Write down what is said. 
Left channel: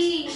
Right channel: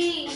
completely